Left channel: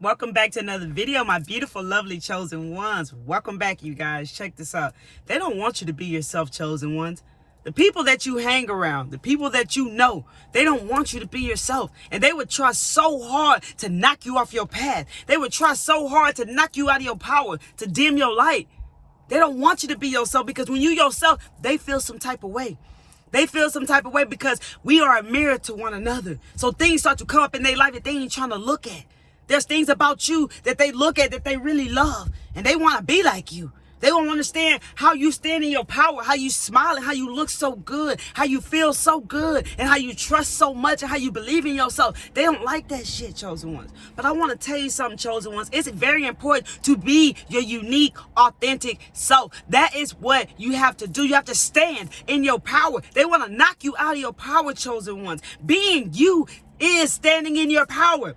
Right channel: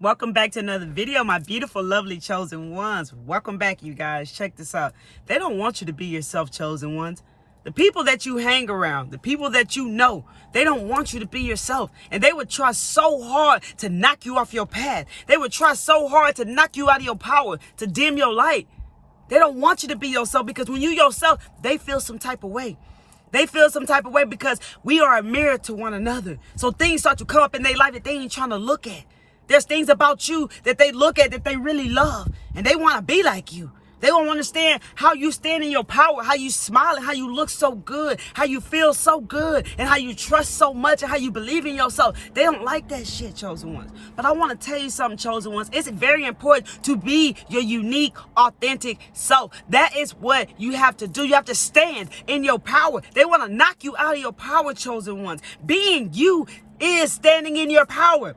Welcome back to another video, my beautiful, lovely chosen ones. Welcome back, you guys. Check this out. They don't want you to be yourself, chosen ones. The people that you hang around, the people that you know, they don't want you to be yourself. And they would try so hard to knock you off your path. They would try so hard to knock you out of your power, to dim your light. They don't want you to be yourself, because when you yourself, they feel some type of way. They feel some type of way because we are a mirror to one another. So things start to come up in their life that they ain't trying to look at. There's things about you that they look at that they really love, and they want to be like you. They don't understand how you stand in your power, how you smile, and how you look so good, how you feel so good, and how you trust so much, and how you believe in yourself. They don't like that shit, chosen ones. But I want to tell you something, chosen ones. It's very important to be your unique, authentic self. That is what you have to do. You have to stand in your power. They want to knock you out of your power, chosen ones. Being you is standing in your power.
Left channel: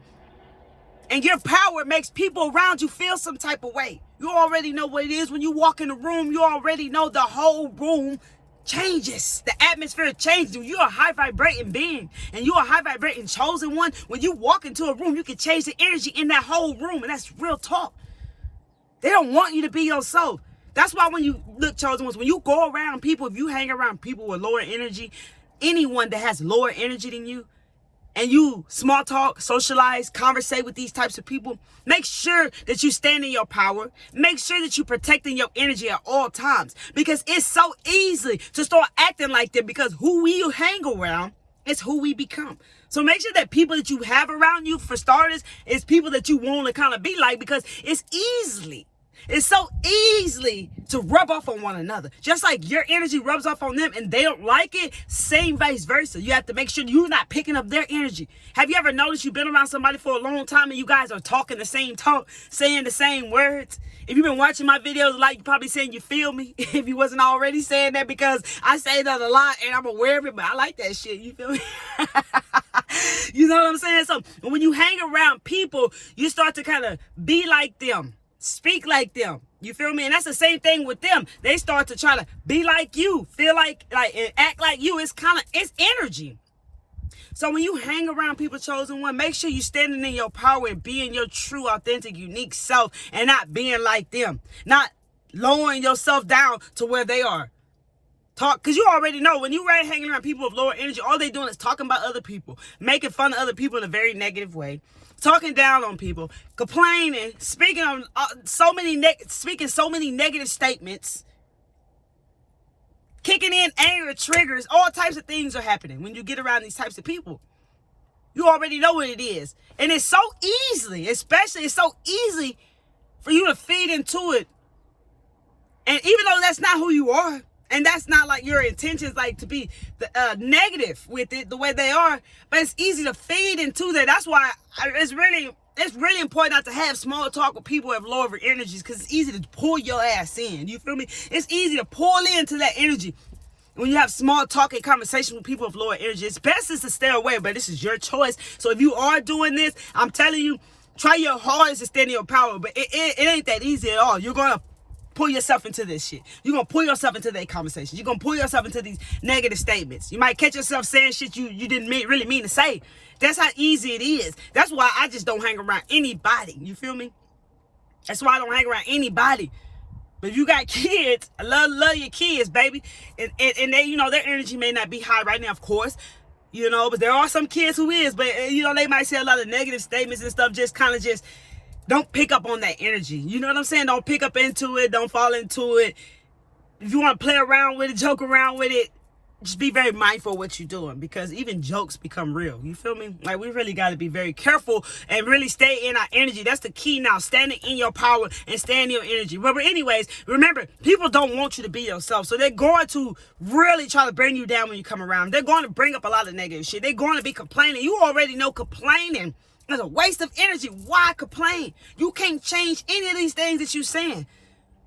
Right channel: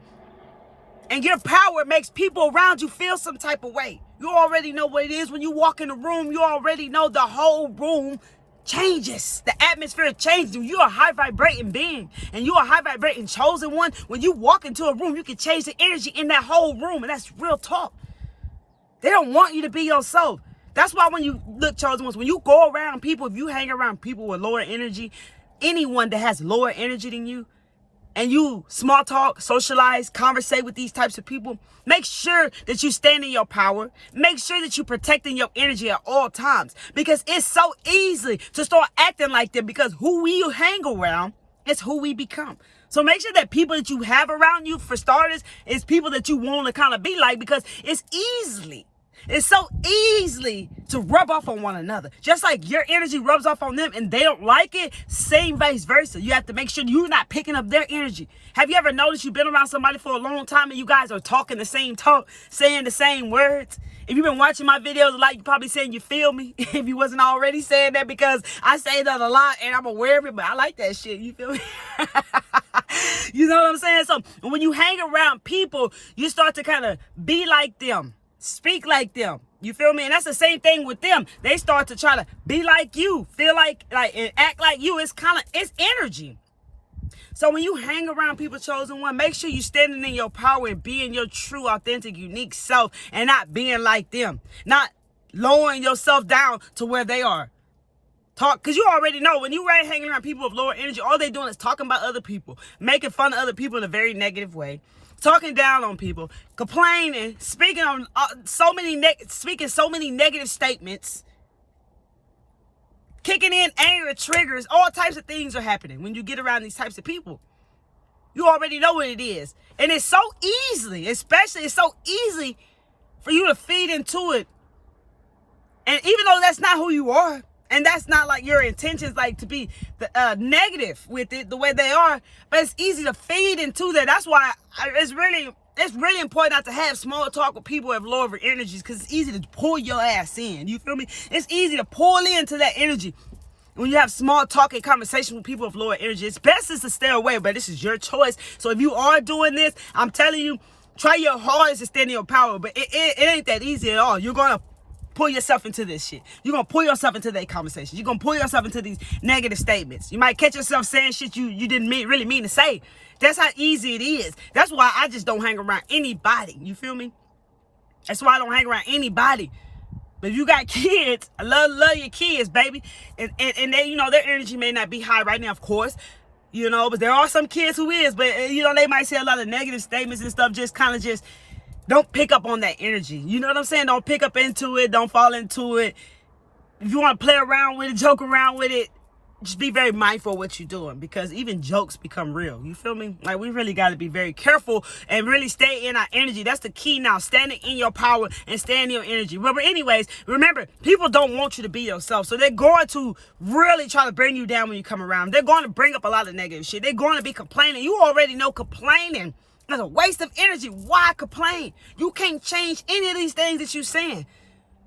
And your power makes people around you feel some type of way. You already know what it is. When you walk in the room, you already know the whole room changes. The atmosphere changes. You're a high vibrating being, and you're a high vibrating chosen one. When you walk into a room, you can change the energy in that whole room, and that's real talk. They don't want you to be yourself. That's why when you look, chosen ones, when you go around people, if you hang around people with lower energy, anyone that has lower energy than you, and you small talk, socialize, conversate with these types of people, make sure that you stand in your power. Make sure that you're protecting your energy at all times, because it's so easy to start acting like them, because who we hang around is who we become. So make sure that people that you have around you, for starters, is people that you want to kind of be like, because it's so easily to rub off on one another. Just like your energy rubs off on them and they don't like it, same vice versa. You have to make sure you're not picking up their energy. Have you ever noticed you've been around somebody for a long time and you guys are talking the same talk, saying the same words? If you've been watching my videos, like, you're probably saying you feel me. If you wasn't already saying that, because I say that a lot and I'm aware of it, but I like that shit. You feel me? You know what I'm saying? So when you hang around people, you start to kind of be like them. Speak like them. You feel me? And that's the same thing with them. They start to try to be like you, feel like and act like you. It's energy. So when you hang around people, chosen one, make sure you're standing in your power and being your true, authentic, unique self, and not being like them. Not lowering yourself down to where they are. Because you already know, when you're hanging around people with lower energy, all they're doing is talking about other people, making fun of other people in a very negative way, talking down on people, complaining, speaking so many negative statements, kicking in anger triggers. All types of things are happening when you get around these types of people. You already know what it is. And it's so it's so easy for you to feed into it. And even though that's not who you are, and that's not like your intentions, like to be negative with it the way they are, but it's easy to feed into that. That's why it's really important not to have small talk with people who have lower energies, because it's easy to pull your ass in. You feel me? It's easy to pull into that energy when you have small talk and conversation with people with lower energy. It's best is to stay away, but this is your choice. So if you are doing this, I'm telling you, try your hardest to stand in your power, but it ain't that easy at all. You're going to pull yourself into this shit. You're going to pull yourself into that conversation. You're going to pull yourself into these negative statements. You might catch yourself saying shit you didn't really mean to say. That's how easy it is. That's why I just don't hang around anybody. You feel me? That's why I don't hang around anybody. But if you got kids, I love your kids, baby. And they, you know, their energy may not be high right now, of course. You know, but there are some kids who is. But, you know, they might say a lot of negative statements and stuff, just kind of just don't pick up on that energy. You know what I'm saying? Don't pick up into it. Don't fall into it. If you want to play around with it, joke around with it, just be very mindful of what you're doing, because even jokes become real. You feel me? Like, we really got to be very careful and really stay in our energy. That's the key now. Standing in your power and staying in your energy. But anyways, remember, people don't want you to be yourself. So they're going to really try to bring you down when you come around. They're going to bring up a lot of negative shit. They're going to be complaining. You already know complaining is a waste of energy. Why complain? You can't change any of these things that you're saying.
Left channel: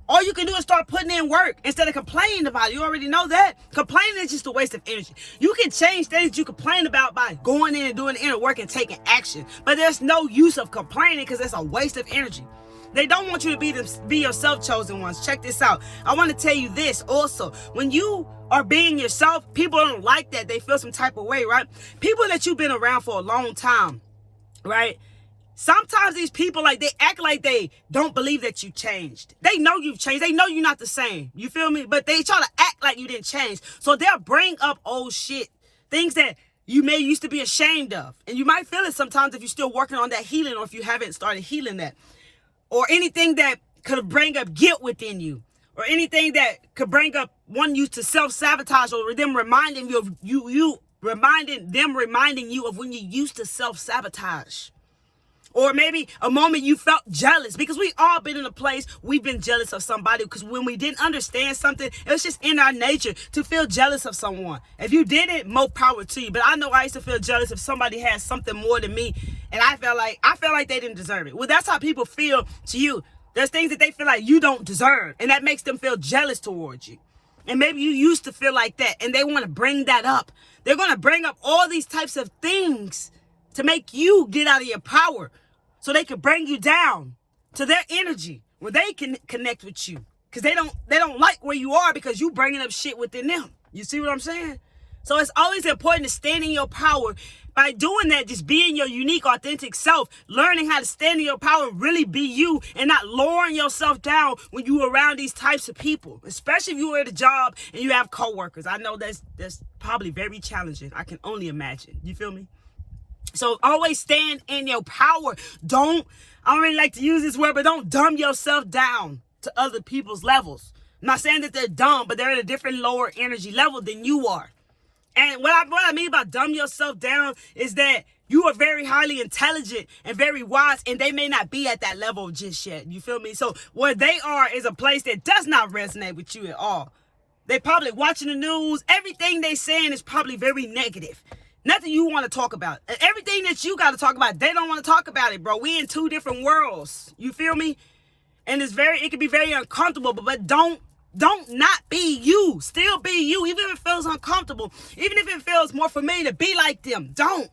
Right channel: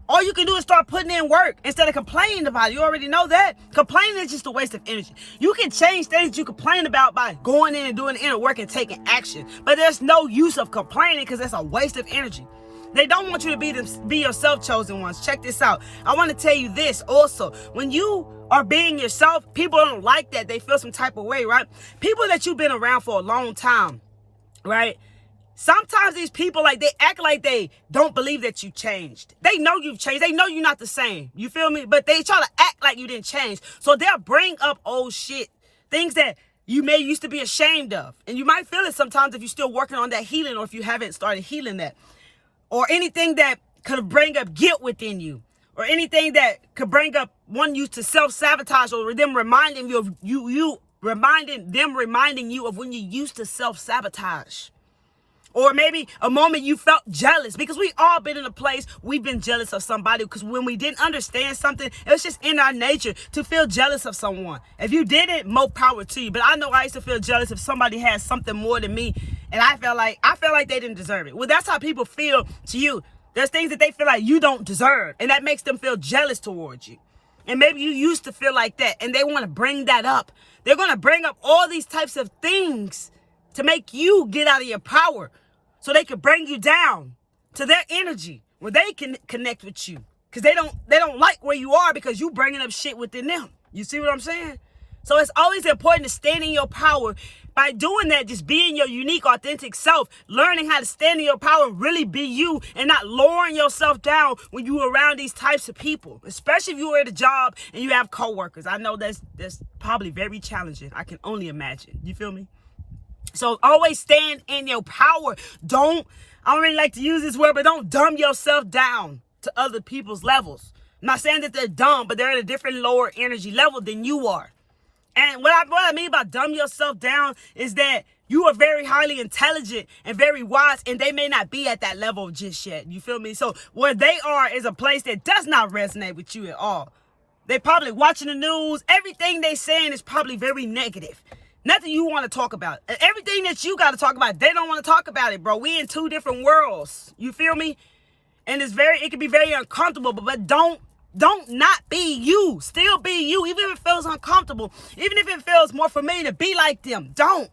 All you can do is start putting in work instead of complaining about it. You already know that. Complaining is just a waste of energy. You can change things that you complain about by going in and doing the inner work and taking action. But there's no use of complaining, because that's a waste of energy. They don't want you to be yourself, chosen ones. Check this out. I want to tell you this also. When you are being yourself, people don't like that. They feel some type of way, right? People that you've been around for a long time, right? Sometimes these people, like, they act like they don't believe that you changed. They know you've changed. They know you're not the same. You feel me? But they try to act like you didn't change. So they'll bring up old shit, things that you may used to be ashamed of. And you might feel it sometimes if you're still working on that healing, or if you haven't started healing that. Or anything that could bring up guilt within you. Or anything that could bring up one you to self-sabotage, or them reminding you of reminding you of when you used to self-sabotage. Or maybe a moment you felt jealous, because we all been in a place we've been jealous of somebody, because when we didn't understand something, it was just in our nature to feel jealous of someone. If you didn't, more power to you. But I know I used to feel jealous if somebody had something more than me, and I felt like they didn't deserve it. Well, that's how people feel to you. There's things that they feel like you don't deserve, and that makes them feel jealous towards you. And maybe you used to feel like that, and they want to bring that up. They're going to bring up all these types of things to make you get out of your power, so they can bring you down to their energy where they can connect with you. Because they don't like where you are, because you bringing up shit within them. You see what I'm saying? So it's always important to stand in your power. By doing that, just being your unique, authentic self, learning how to stand in your power and really be you, and not lowering yourself down when you're around these types of people, especially if you're at a job and you have coworkers. I know that's probably very challenging. I can only imagine. You feel me? So always stand in your power. I don't really like to use this word, but don't dumb yourself down to other people's levels. I'm not saying that they're dumb, but they're at a different lower energy level than you are. And what I mean by dumb yourself down is that you are very highly intelligent and very wise, and they may not be at that level just yet. You feel me? So where they are is a place that does not resonate with you at all. They're probably watching the news. Everything they saying is probably very negative. Nothing you want to talk about. Everything that you got to talk about, they don't want to talk about it, bro. We in two different worlds. You feel me? And it can be very uncomfortable, but don't not be you. Still be you, even if it feels uncomfortable. Even if it feels more familiar to be like them. Don't.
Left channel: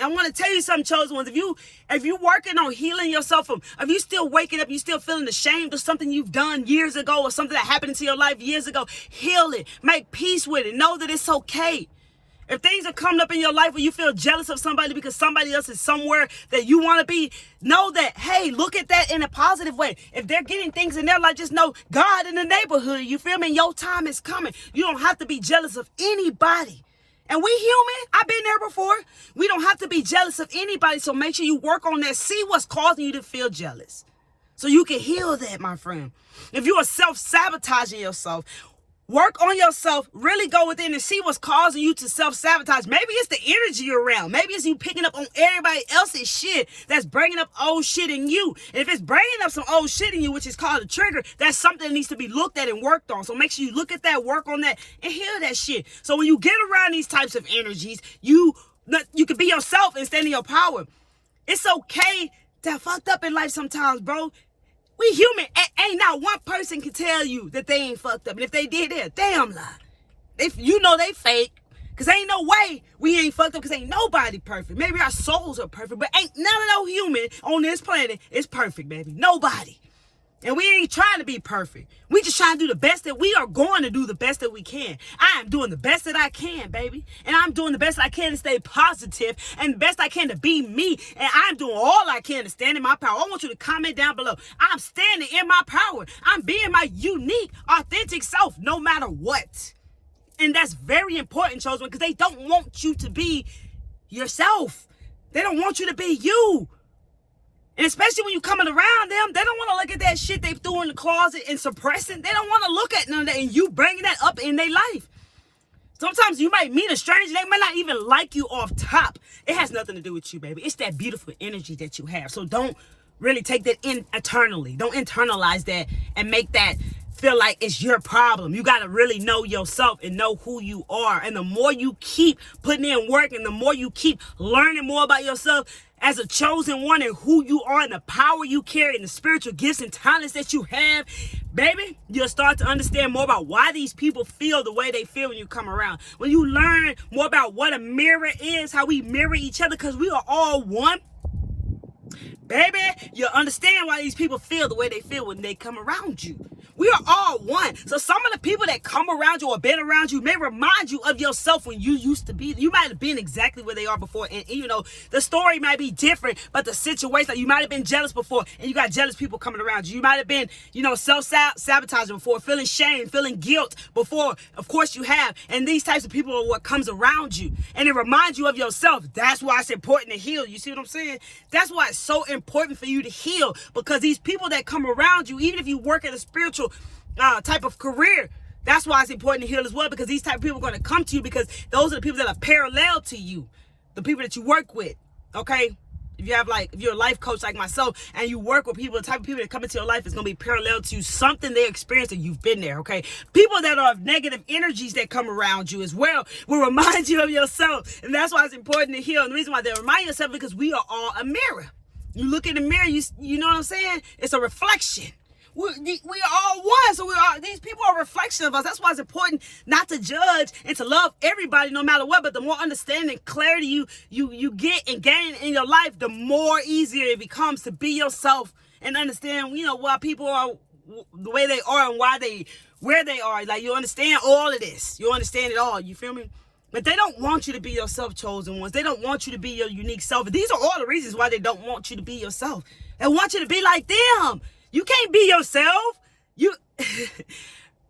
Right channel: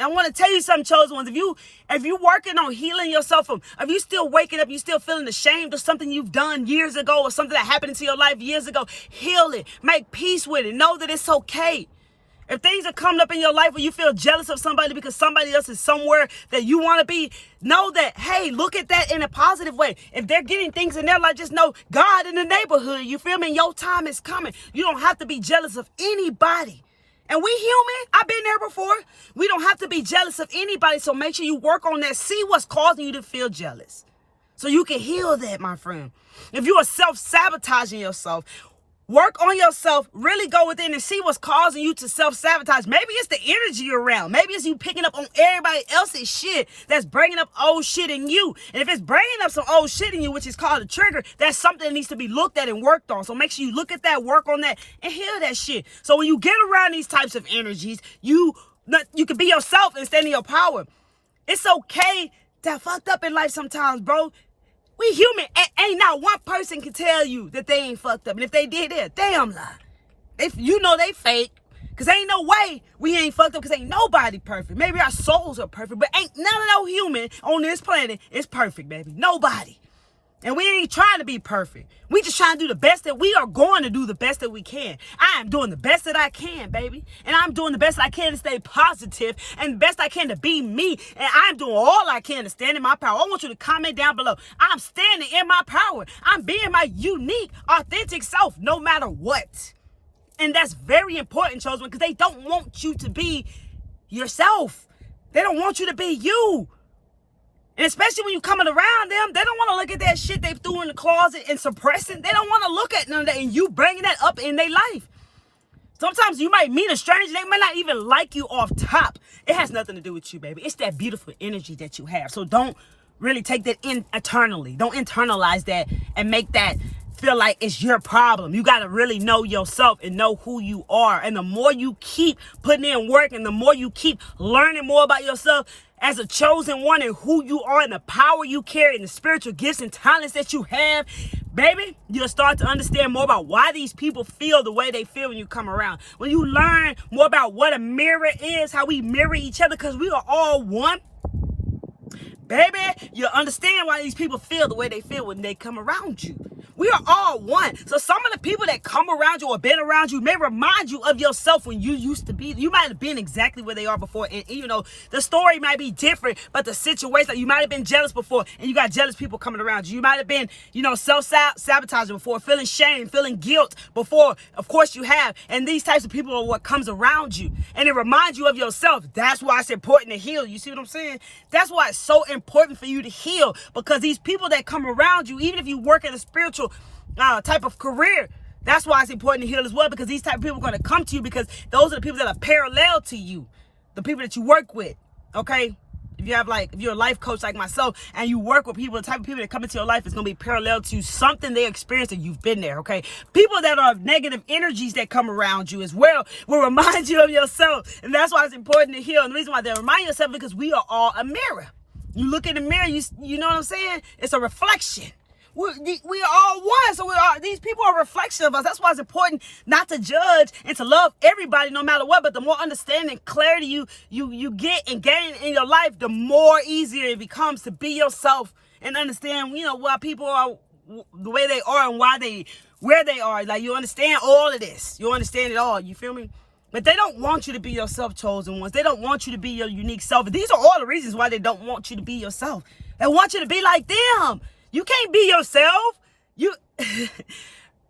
And I want to tell you something, chosen ones. If you working on healing yourself, if you still waking up, you still feeling ashamed of something you've done years ago, or something that happened into your life years ago, heal it. Make peace with it. Know that it's okay. If things are coming up in your life where you feel jealous of somebody because somebody else is somewhere that you want to be, know that, hey, look at that in a positive way. If they're getting things in their life, just know God in the neighborhood. You feel me? Your time is coming. You don't have to be jealous of anybody. And we human. I've been there before. We don't have to be jealous of anybody. So make sure you work on that. See what's causing you to feel jealous, so you can heal that, my friend. If you are self-sabotaging yourself, work on yourself, really go within and see what's causing you to self-sabotage. Maybe it's the energy you're around. Maybe it's you picking up on everybody else's shit that's bringing up old shit in you. And if it's bringing up some old shit in you, which is called a trigger, that's something that needs to be looked at and worked on. So make sure you look at that, work on that, and heal that shit. So when you get around these types of energies, you can be yourself and stand in your power. It's okay to have fucked up in life sometimes, bro. We human. Ain't not one person can tell you that they ain't fucked up. And if they did, they're a damn lie. They fake. Because ain't no way we ain't fucked up, because ain't nobody perfect. Maybe our souls are perfect, but ain't none of no human on this planet is perfect, baby. Nobody. And we ain't trying to be perfect. We just trying to do the best that we are going to do, the best that we can. I am doing the best that I can, baby. And I'm doing the best that I can to stay positive, and the best I can to be me. And I'm doing all I can to stand in my power. I want you to comment down below. I'm standing in my power. I'm being my unique, authentic self, no matter what. And that's very important, chosen, because they don't want you to be yourself. They don't want you to be you. And especially when you're coming around them, they don't want to look at that shit they threw in the closet and suppressing. They don't want to look at none of that, and you bringing that up in their life. Sometimes you might meet a stranger, they might not even like you off top. It has nothing to do with you, baby. It's that beautiful energy that you have. So don't really take that in eternally. Don't internalize that and make that feel like it's your problem. You got to really know yourself and know who you are. And the more you keep putting in work, and the more you keep learning more about yourself as a chosen one, and who you are, and the power you carry, and the spiritual gifts and talents that you have, baby, you'll start to understand more about why these people feel the way they feel when you come around. When you learn more about what a mirror is, how we mirror each other, because we are all one, baby, you'll understand why these people feel the way they feel when they come around you. We are all one. So some of the people that come around you or been around you may remind you of yourself when you used to be. You might have been exactly where they are before. And you know, the story might be different, but the situation, like you might have been jealous before and you got jealous people coming around you. You might have been, you know, self-sabotaging before, feeling shame, feeling guilt before. Of course you have. And these types of people are what comes around you. And it reminds you of yourself. That's why it's important to heal. You see what I'm saying? That's why it's so important for you to heal, because these people that come around you, even if you work in a spiritual type of career, that's why it's important to heal as well, because these type of people are going to come to you because those are the people that are parallel to you, the people that you work with. Okay, if you're a life coach like myself and you work with people, the type of people that come into your life is going to be parallel to something they experienced and you've been there. Okay, people that are negative energies that come around you as well will remind you of yourself, and that's why it's important to heal. And the reason why they remind yourself, because we are all a mirror. You look in the mirror, you know what I'm saying? It's a reflection. We are all one, so these people are a reflection of us. That's why it's important not to judge and to love everybody no matter what. But the more understanding, clarity you get and gain in your life, the more easier it becomes to be yourself and understand, you know, why people are the way they are and where they are. Like, you understand all of this. You understand it all. You feel me? But they don't want you to be yourself, chosen ones. They don't want you to be your unique self. These are all the reasons why they don't want you to be yourself. They want you to be like them. You can't be yourself.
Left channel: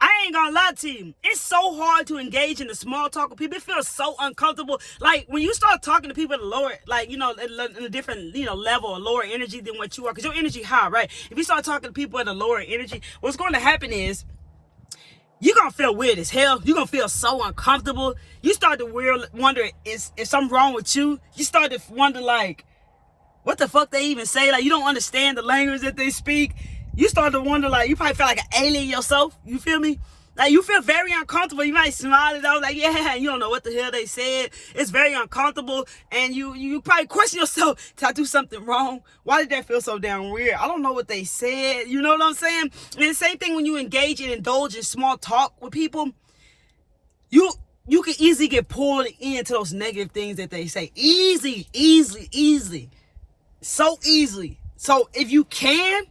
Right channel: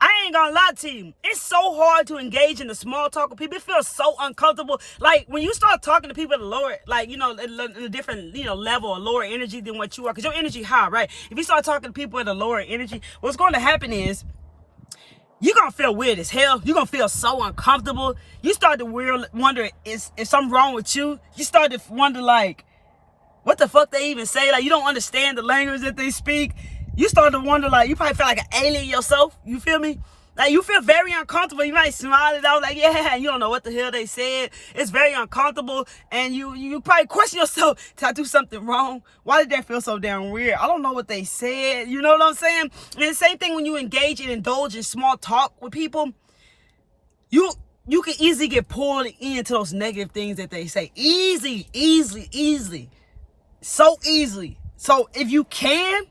I ain't gonna lie to you. It's so hard to engage in the small talk with people. It feels so uncomfortable. Like, when you start talking to people at a lower, like, you know, in a different, you know, level or lower energy than what you are, because your energy high, right? If you start talking to people at a lower energy, what's going to happen is you're going to feel weird as hell. You're going to feel so uncomfortable. You start to wonder, is something wrong with you? You start to wonder, like, what the fuck they even say? Like, you don't understand the language that they speak. You start to wonder, like, you probably feel like an alien yourself. You feel me? Like, you feel very uncomfortable. You might smile it out like, yeah, you don't know what the hell they said. It's very uncomfortable. And you probably question yourself, did I do something wrong? Why did that feel so damn weird? I don't know what they said. You know what I'm saying? And the same thing when you engage and indulge in small talk with people, you can easily get pulled into those negative things that they say. Easily. So easily. So if you can,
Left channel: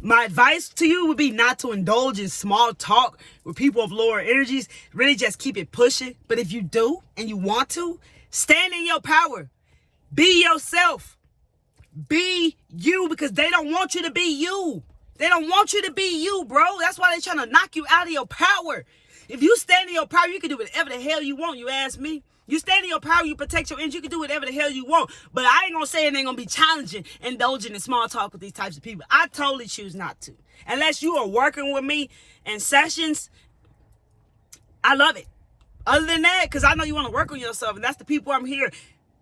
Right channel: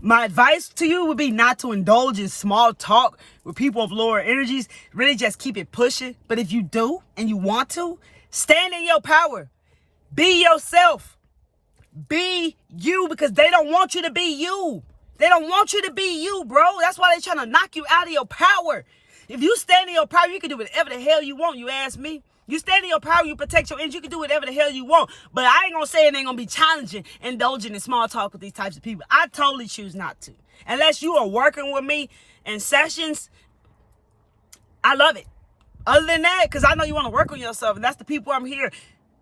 my advice to you would be not to indulge in small talk with people of lower energies. Really just keep it pushing. But if you do and you want to, stand in your power. Be yourself. Be you, because they don't want you to be you. They don't want you to be you, bro. That's why they're trying to knock you out of your power. If you stand in your power, you can do whatever the hell you want, you ask me. You stand in your power, you protect your energy, you can do whatever the hell you want. But I ain't gonna say it ain't gonna be challenging, indulging in small talk with these types of people. I totally choose not to. Unless you are working with me in sessions, I love it. Other than that, because I know you want to work on yourself, and that's the people I'm here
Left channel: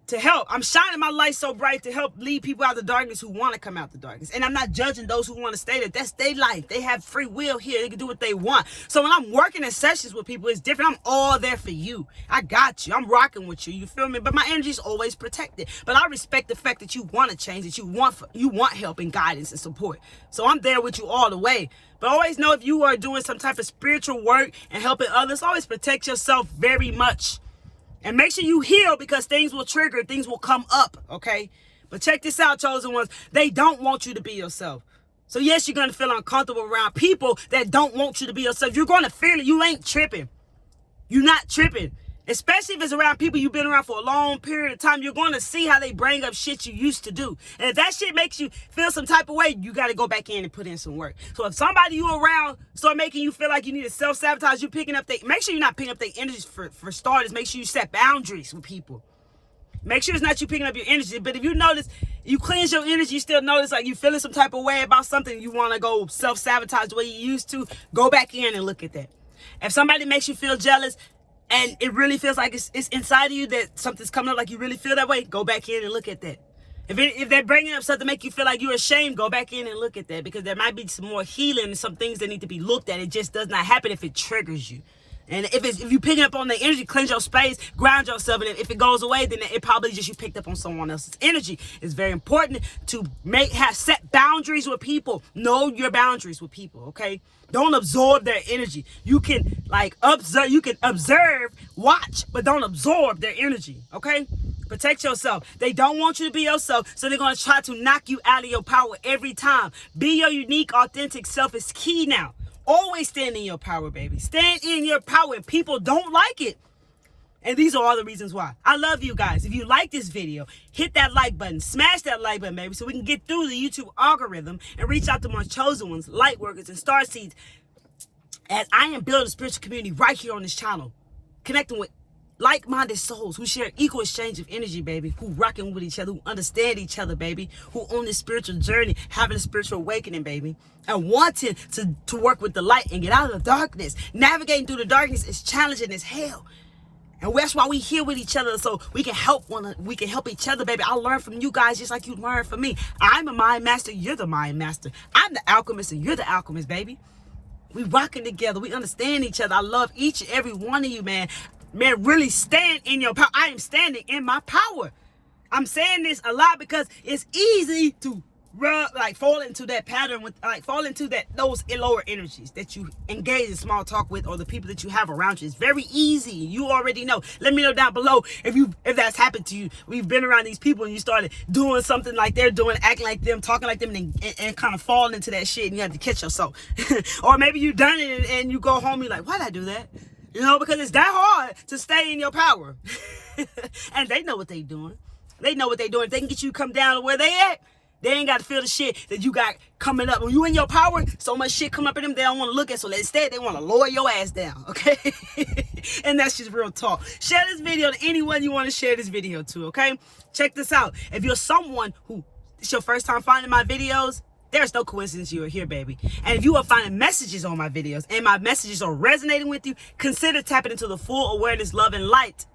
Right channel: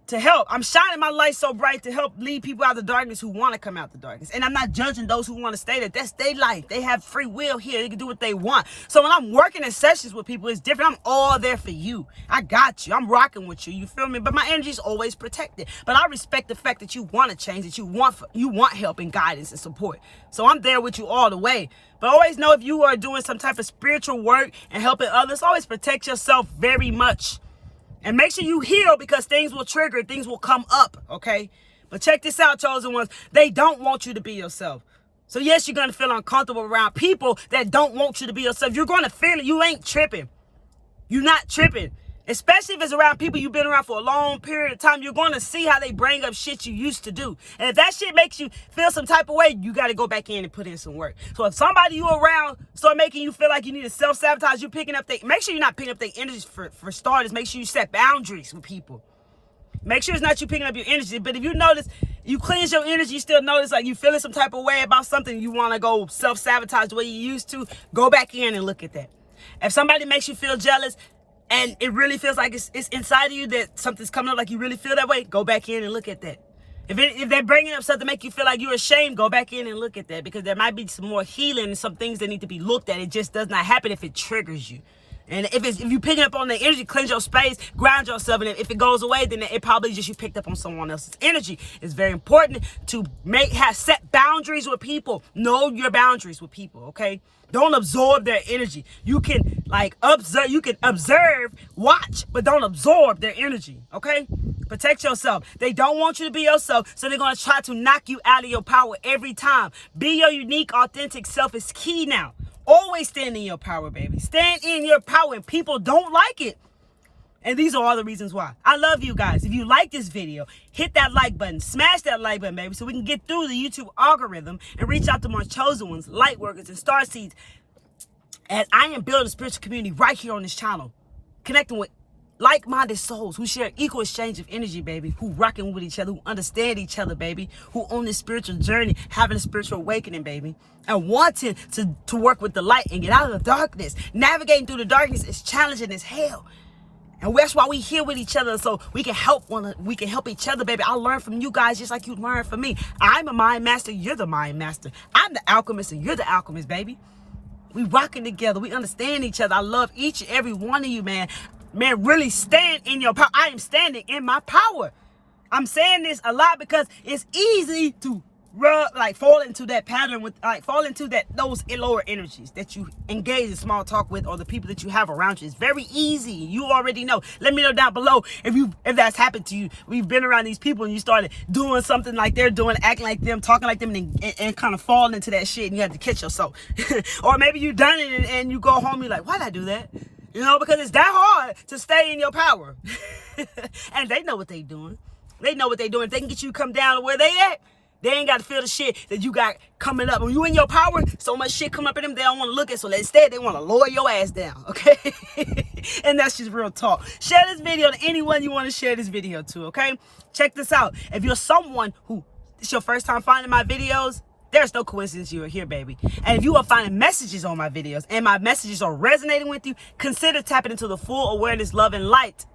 to help. I'm shining my light so bright to help lead people out of the darkness who want to come out the darkness. And I'm not judging those who want to stay there. That's their life. They have free will here. They can do what they want. So when I'm working in sessions with people, it's different. I'm all there for you. I got you. I'm rocking with you. You feel me? But my energy is always protected. But I respect the fact that you want to change, that you want help and guidance and support. So I'm there with you all the way. But always know, if you are doing some type of spiritual work and helping others, always protect yourself very much. And make sure you heal, because things will trigger, things will come up, okay? But check this out, chosen ones. They don't want you to be yourself. So yes, you're going to feel uncomfortable around people that don't want you to be yourself. You're going to feel it. You ain't tripping. You're not tripping. Especially if it's around people you've been around for a long period of time, you're going to see how they bring up shit you used to do. And if that shit makes you feel some type of way, you got to go back in and put in some work. So if somebody you around start making you feel like you need to self-sabotage, you picking up make sure you're not picking up their energies for starters. Make sure you set boundaries with people. Make sure it's not you picking up your energy. But if you notice, you cleanse your energy, you still notice like you feeling some type of way about something, you want to go self-sabotage the way you used to, go back in and look at that. If somebody makes you feel jealous, and it really feels like it's inside of you that something's coming up, like you really feel that way, go back in and look at that. If they're bringing up something to make you feel like you're ashamed, go back in and look at that, because there might be some more healing and some things that need to be looked at. It just does not happen if it triggers you. And if you picking up on the energy, cleanse your space, ground yourself, and if it goes away, then it probably just you picked up on someone else's energy. It's very important to set boundaries with people. Know your boundaries with people, okay? Don't absorb their energy. You can observe, watch, but don't absorb their energy, okay? Protect yourself. They don't want you to be yourself, so they're going to try to knock you out of your power every time. Be your unique, authentic self is key now. Always stand in your power, baby. Stand in your power, and people don't like it. And these are all the reasons why. I love you guys. If you like this video, hit that like button. Smash that like button, baby, so we can get through the YouTube algorithm and reach out to more chosen ones, light workers, and star seeds. As I am building a spiritual community right here on this channel, connecting with like-minded souls who share equal exchange of energy, baby, who rocking with each other, who understand each other, baby, who on this spiritual journey, having a spiritual awakening, baby, and wanting to work with the light and get out of the darkness. Navigating through the darkness is challenging as hell. And that's why we here with each other, so we can help each other, baby. I learn from you guys just like you learn from me. I'm a mind master, you're the mind master. I'm the alchemist and you're the alchemist, baby. We rocking together. We understand each other. I love each and every one of you, man. Man, really stand in your power. I am standing in my power. I'm saying this a lot because it's easy to fall into that pattern with, fall into those lower energies that you engage in small talk with, or the people that you have around you. It's very easy. You already know. Let me know down below if that's happened to you. We've been around these people and you started doing something like they're doing, acting like them, talking like them, and kind of falling into that shit, and you have to catch yourself. Or maybe you done it and you go home and you're like, why'd I do that? You know, because it's that hard to stay in your power. And they know what they doing. They know what they doing. If they can get you to come down to where they at, they ain't got to feel the shit that you got coming up. When you in your power, so much shit come up in them, they don't want to look at. So instead, they want to lower your ass down, okay? And that's just real talk. Share this video to anyone you want to share this video to, okay? Check this out. If you're someone who it's your first time finding my videos, there's no coincidence you are here, baby. And if you are finding messages on my videos and my messages are resonating with you, consider tapping into the full awareness, love, and light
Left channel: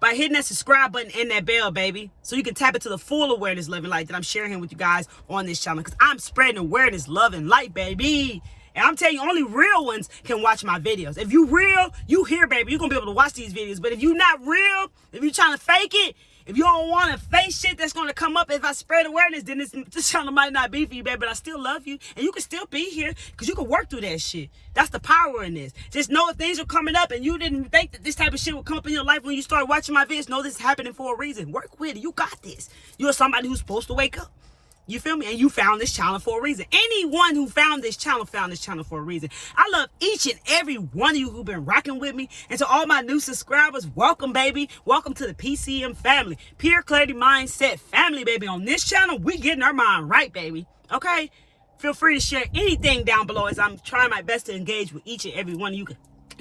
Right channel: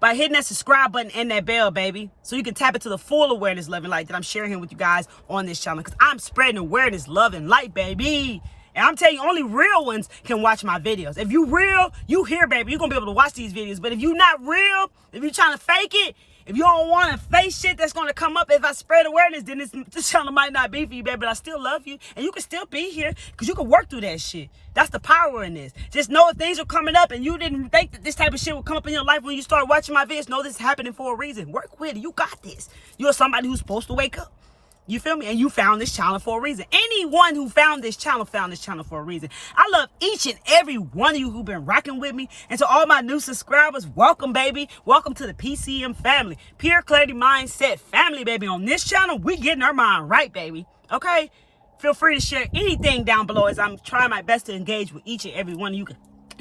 by hitting that subscribe button and that bell, baby, so you can tap into the full awareness, love, and light that I'm sharing with you guys on this channel, because I'm spreading awareness, love, and light, baby. And I'm telling you, only real ones can watch my videos. If you real, you here, baby. You're going to be able to watch these videos. But if you're not real, if you're trying to fake it, if you don't want to face shit that's going to come up if I spread awareness, then this channel might not be for you, baby. But I still love you. And you can still be here because you can work through that shit. That's the power in this. Just know if things are coming up and you didn't think that this type of shit would come up in your life when you start watching my videos, know this is happening for a reason. Work with it. You got this. You're somebody who's supposed to wake up. You feel me? And you found this channel for a reason. Anyone who found this channel for a reason. I love each and every one of you who've been rocking with me. And to all my new subscribers, welcome, baby. Welcome to the PCM family. Pure Clarity Mindset family, baby. On this channel, we getting our mind right, baby. Okay? Feel free to share anything down below as I'm trying my best to engage with each and every one of you.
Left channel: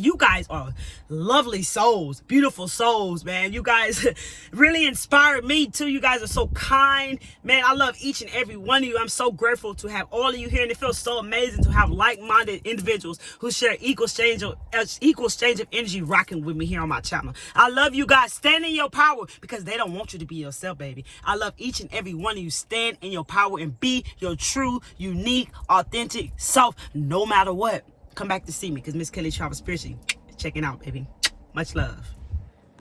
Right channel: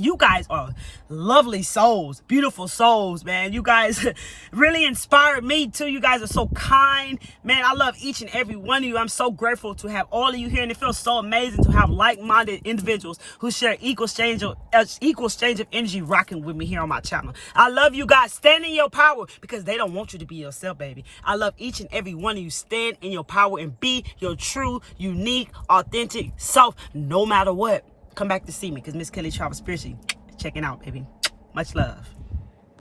You guys are lovely souls, beautiful souls, man. You guys really inspired me too. You guys are so kind, man. I love each and every one of you. I'm so grateful to have all of you here, and it feels so amazing to have like-minded individuals who share equal exchange of energy rocking with me here on my channel. I love you guys. Stand in your power because they don't want you to be yourself, baby. I love each and every one of you. Stand in your power and be your true, unique, authentic self, no matter what. Come back to see me because Miss Kelly Travels Spiritually checking out, baby. Much love.